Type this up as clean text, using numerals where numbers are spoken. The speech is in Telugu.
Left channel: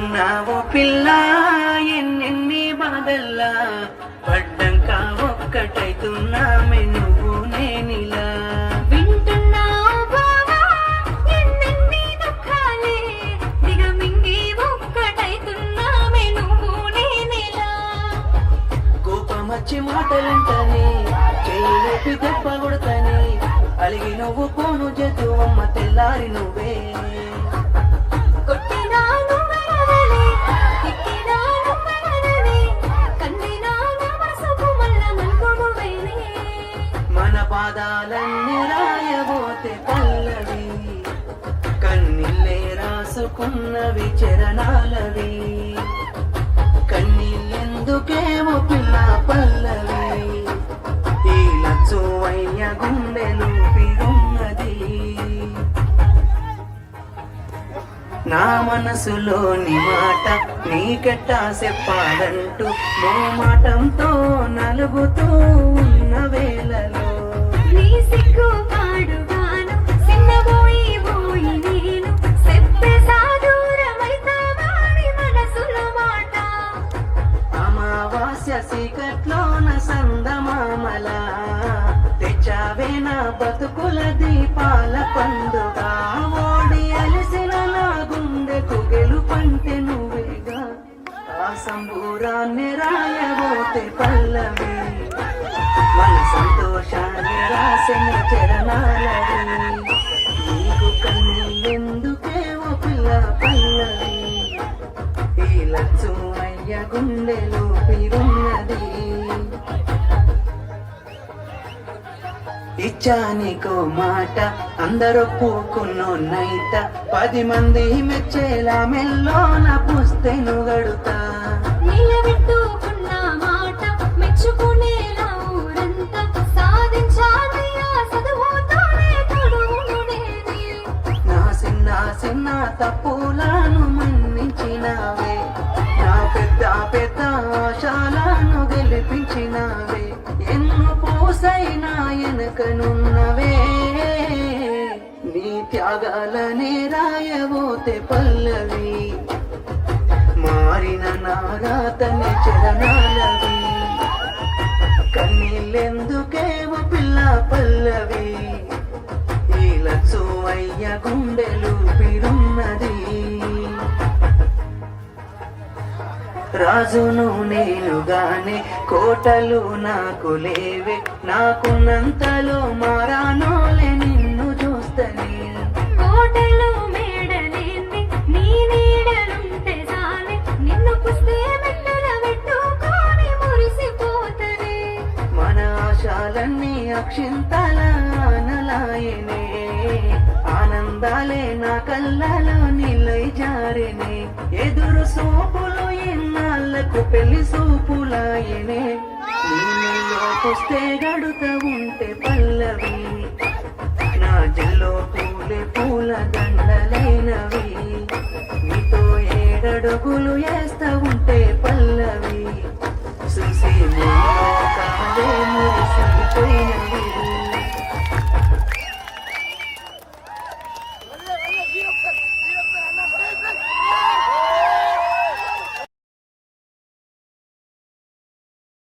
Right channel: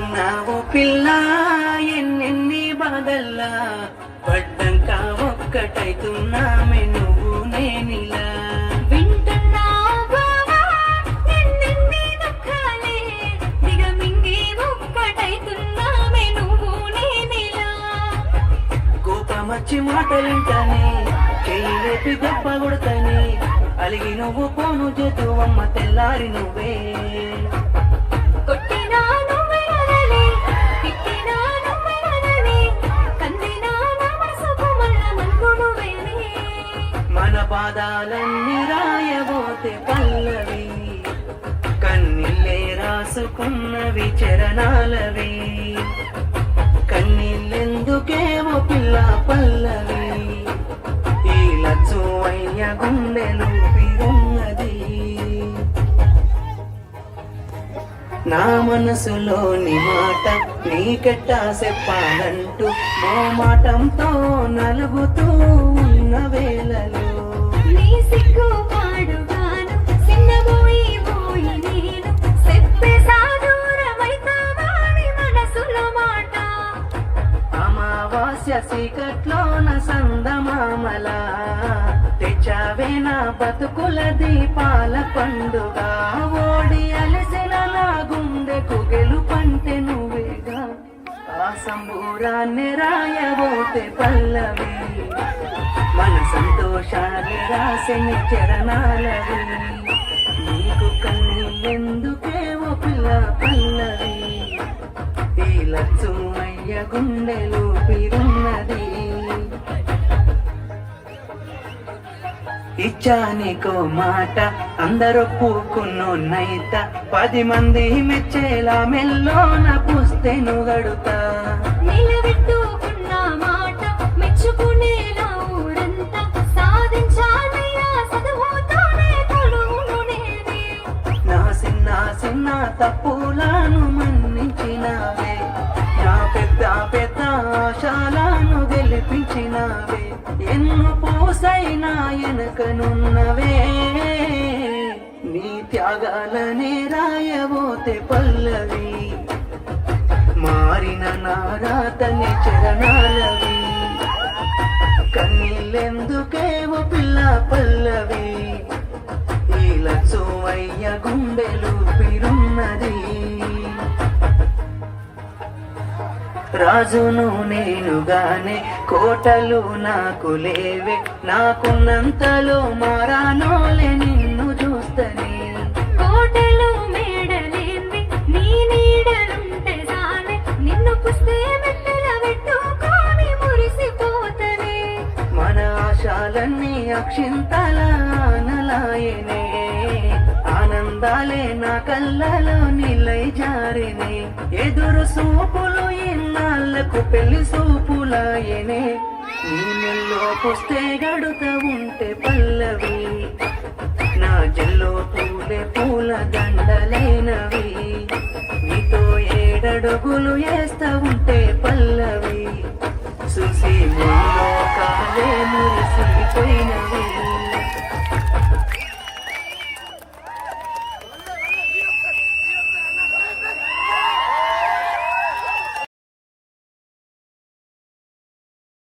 వింటున్నావో పిల్ల ఎన్నెన్ని బాధల్లా పడ్డంక ఒక్కటైతున్నామే నువ్వు నేనిలా కోపమచ్చి మాటలంటానే చెయ్యి దెబ్బ కొడతానే అలిగి నువ్వు పోను చేతు అమ్మ తెల్లారి నువ్వే మన పాదాలన్నీ రాయబోతే పల్లవి కన్నీళ్ళే రాసుకున్నవి చరణాలవి కన్నీళ్ళెందుకేమో పిల్ల పల్లవి ఈ లచ్చు అయ్య గుండెలు ఉన్నది నా మనసులోని మాట నీకెట్టా చెప్పాలంటూ మా మాటంతో నలుగుతూ ఉన్న వేళలో నీ సిగ్గు పాడుగాను సిన్నబోయి పోయి నేను చెప్పే సాదూరమైతావాని మనసులో మాట అమావాస్య సీకట్లోన సందమామల తెచ్చావే నా బతుకుల దీపాల పండుగ ఓడి అలసిన నా గుండెకు గెలుపంటే నువ్వేగా ఆ సంబూరాన్ని రాయబోతే పల్లవి మన సంతోషాలు రాసిన చరణాలవి నీకు కన్నీళ్ళెందుకేమో పిల్ల పల్లవి ఈ లచ్చుమయ్య గుండెలో పిరున్నది ఇచ్చానికో మాట అందరొప్పుకున్నోన్నైత 10 మంది మెచ్చేలా మెల్లోన పుస్తెను గడుతా నిలబెట్టుకున్న మాట మెచ్చుకునేలా ఊరంతా సాధించాలయ్యా చదువుతోనే తొడుగు నేనే నా చిన్న చిన్న తప్పులను మన్నించినావే నా పెద్ద పెద్ద ఆశలను గెలిపించినావే ఎన్ను పూసైనా ఎనకనున్నవే నీ త్యాగాలనే రాయబోతే పల్లవి మారిన నారాతని చరణాలవి కన్నీళ్ళెందుకేమో పిల్ల పల్లవి ఈ లచ్చుమయ్య గుండెలు పిరున్నది రాజును నేనుగానే కోటలు నాకు లేవే నాకున్నంతలో మారానోలే నిన్ను చూస్తనే కోటలు మేడలేంది నీ నీడలుంటే చాలే నిన్ను పుస్తే మెట్టున పెట్టుకొని మురిసిపోతనే మన ఆశాలన్నీ అక్షింతల ఆనలాయనే ఆనందాలే నా కళ్ళలో నిలై జారెనే ఎదురు సూపులు ఇన్నాళ్లకు పెళ్లి సూపులాయనే నీళ్ళల్లో పుస్తే గడుత ఉంటే పల్లవి నా జల్లో పూలే పూల దండలైనవి నీతో 7 అడుగులు వేస్తా ఉంటే పల్లవి సుసి మురిసిపోయినవి